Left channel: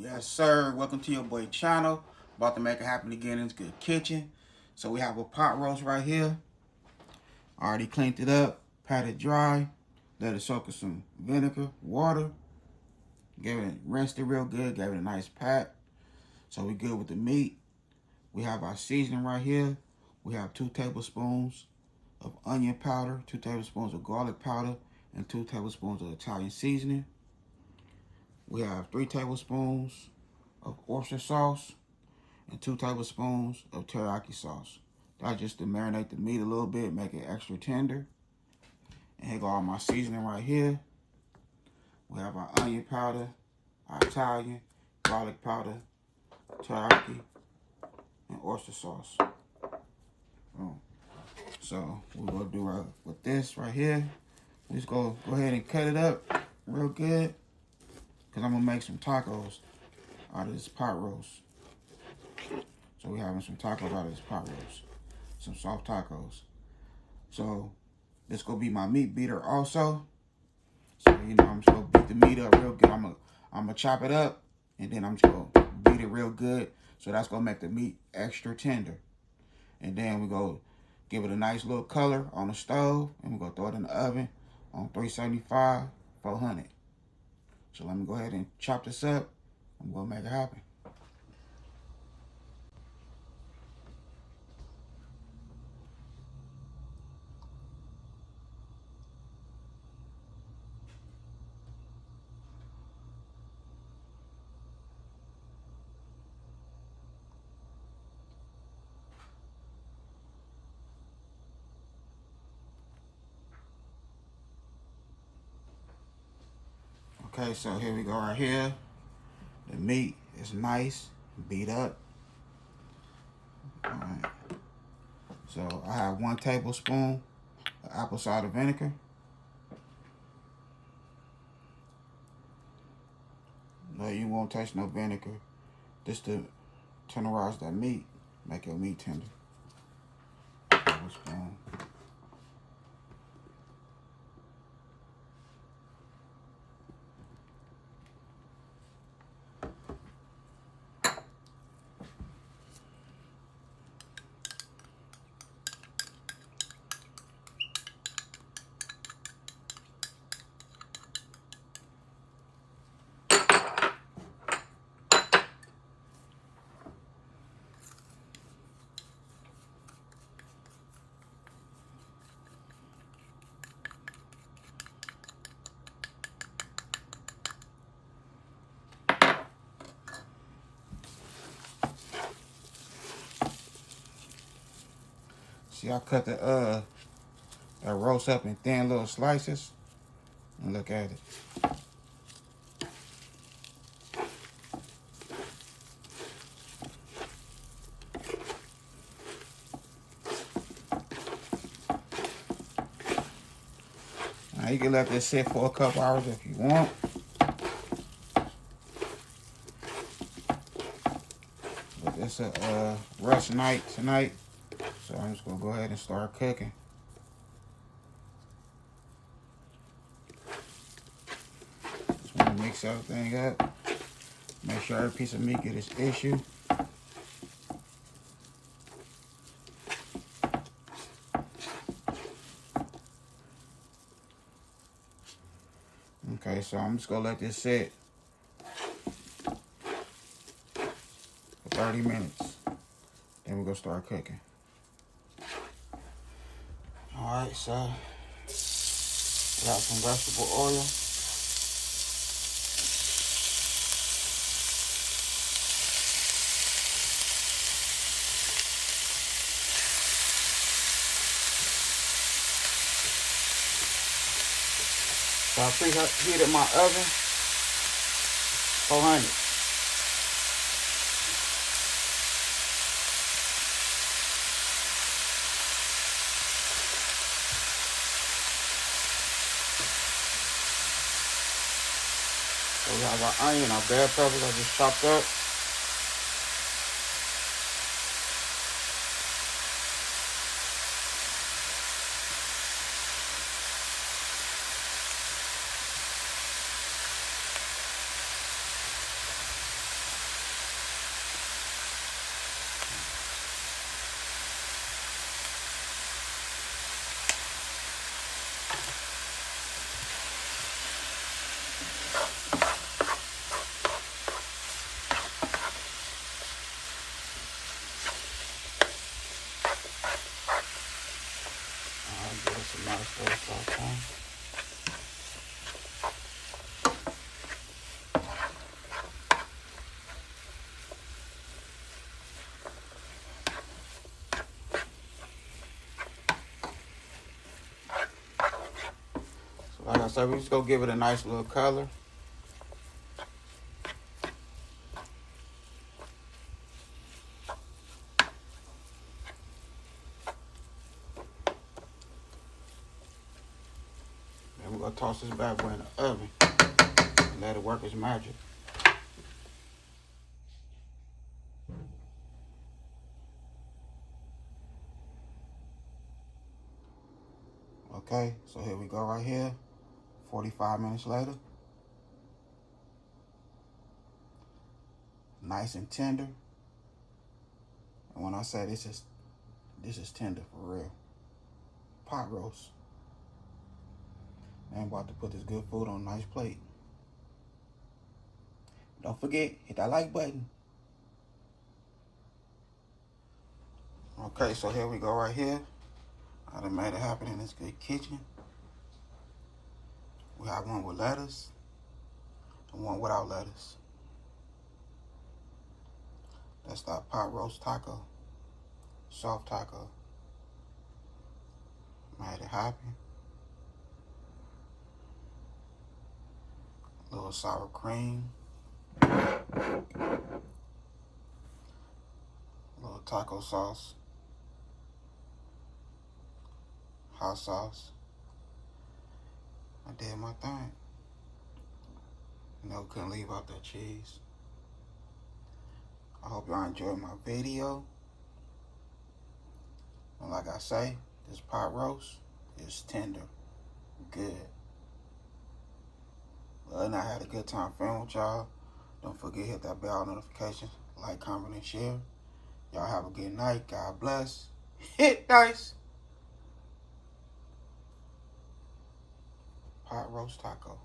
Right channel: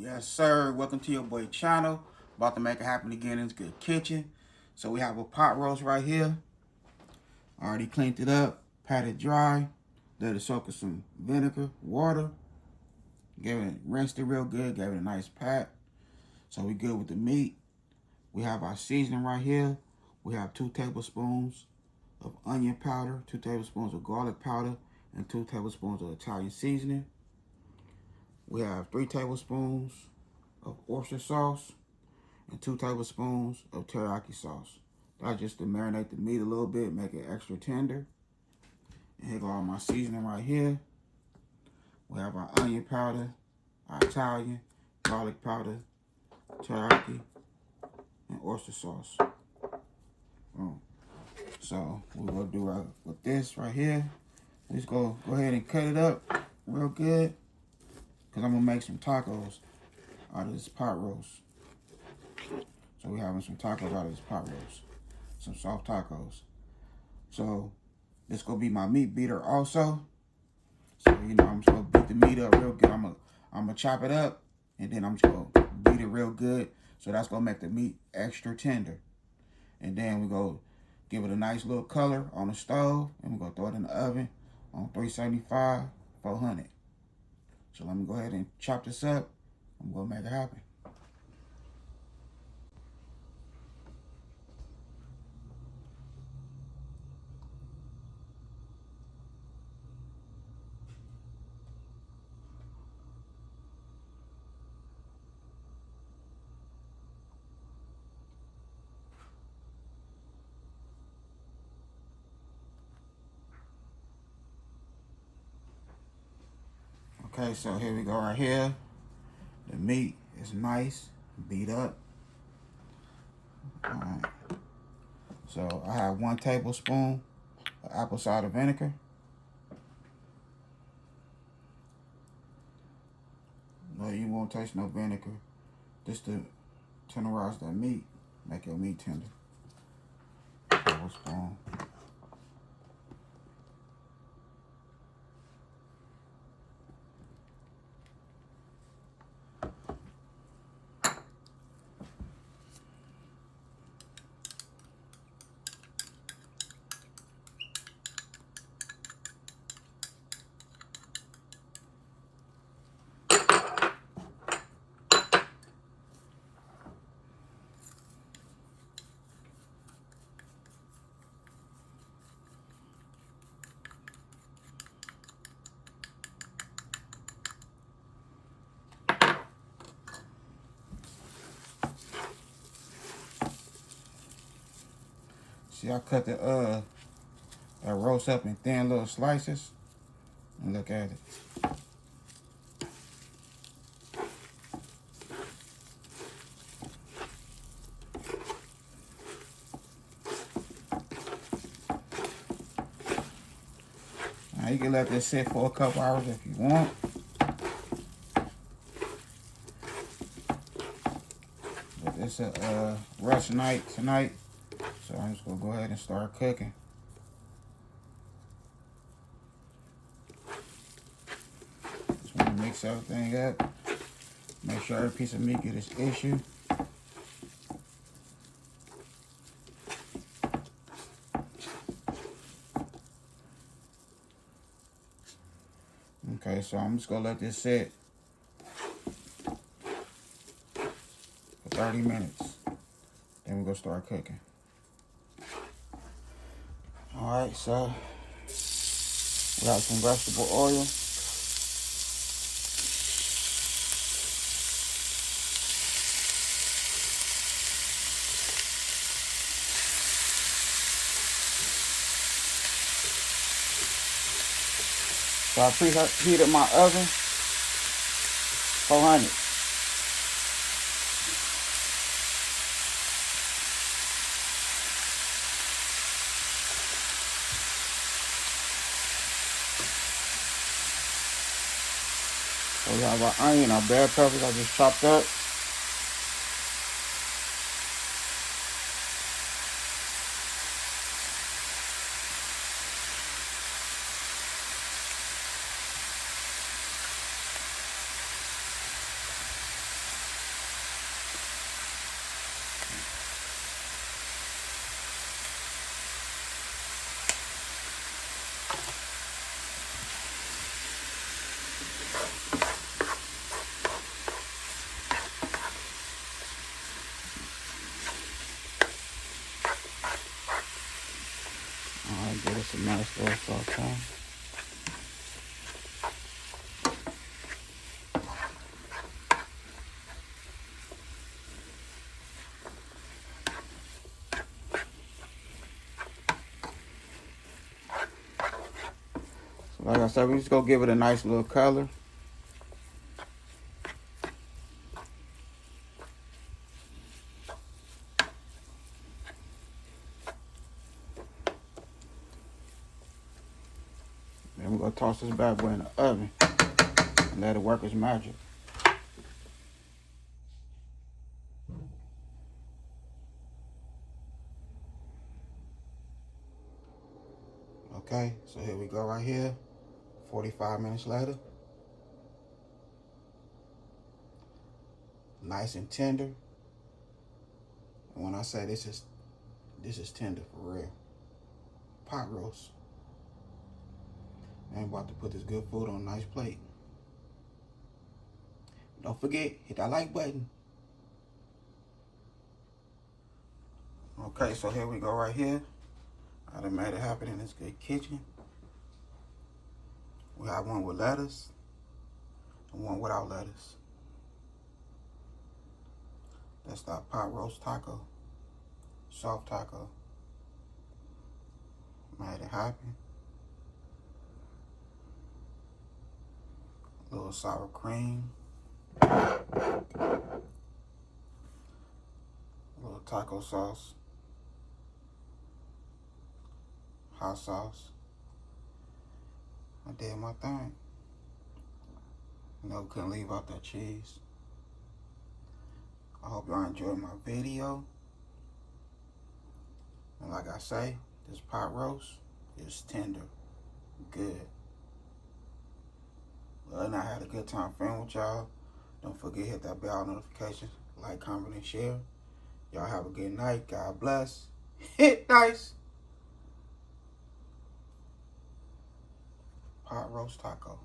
Yes, sir. Welcome to your boy channel. About to make it happen again in this good kitchen. So we have a pot roast right here. Already cleaned it up, pat it dry, let it soak in some vinegar, water. Gave it, rinsed it real good, gave it a nice pat. So we good with the meat. We have our seasoning right here. We have 2 tablespoons of onion powder, 2 tablespoons of garlic powder, and 2 tablespoons of Italian seasoning. We have 3 tablespoons of oyster sauce and 2 tablespoons of teriyaki sauce. That's just to marinate the meat a little bit, make it extra tender. And here go all my seasoning right here. We have our onion powder, our Italian, garlic powder, teriyaki, and oyster sauce. So we're gonna do right with this right here. We just go ahead and cut it up real good, cause I'm gonna make some tacos out of this pot roast. So we're having some tacos out of this pot roast, some soft tacos. So this gonna be my meat beater also. So I'm just gonna beat the meat up real good. I'm gonna chop it up, and then I'm just gonna beat it real good. So that's gonna make the meat extra tender. And then we go give it a nice little color on the stove, and we're gonna throw it in the oven on 375, 400. So let me go ahead and chop this up. I'm gonna make it happen. Okay, so here we go right here. The meat is nice, beat up. All right. So I have 1 tablespoon of apple cider vinegar. No, you won't taste no vinegar. Just to tenderize that meat, make your meat tender. Tablespoon. See, I cut that roast up in thin little slices, and look at it. Now you can let this sit for a couple hours if you want. But it's a rush night tonight, so I'm just gonna go ahead and start cooking. Just want to mix everything up. Make sure every piece of meat get its issue. Okay, so I'm just gonna let this sit for 30 minutes. Then we're gonna start cooking. Alright, so got some vegetable oil. So I preheated my oven for 400. We have our onion, our bell peppers I just chopped up. I said, we're just gonna give it a nice little color. Then we're gonna toss this bad boy in the oven and let it work its magic. Okay, so here we go right here. 45 minutes later. Nice and tender. And when I say this is tender for real. Pot roast. And I'm about to put this good food on a nice plate. Don't forget, hit that like button. Okay, so here we go right here. I done made it happen in this good kitchen. We have one with lettuce and one without lettuce. That's that pot roast taco, soft taco. Made it happen. A little sour cream. A little taco sauce. Hot sauce. I did my thing. You know, couldn't leave out that cheese. I hope y'all enjoyed my video. And like I say, this pot roast is tender, good. Well, and I had a good time filming with y'all. Don't forget to hit that bell notification, like, comment, and share. Y'all have a good night. God bless. Hit nice. Pot roast taco.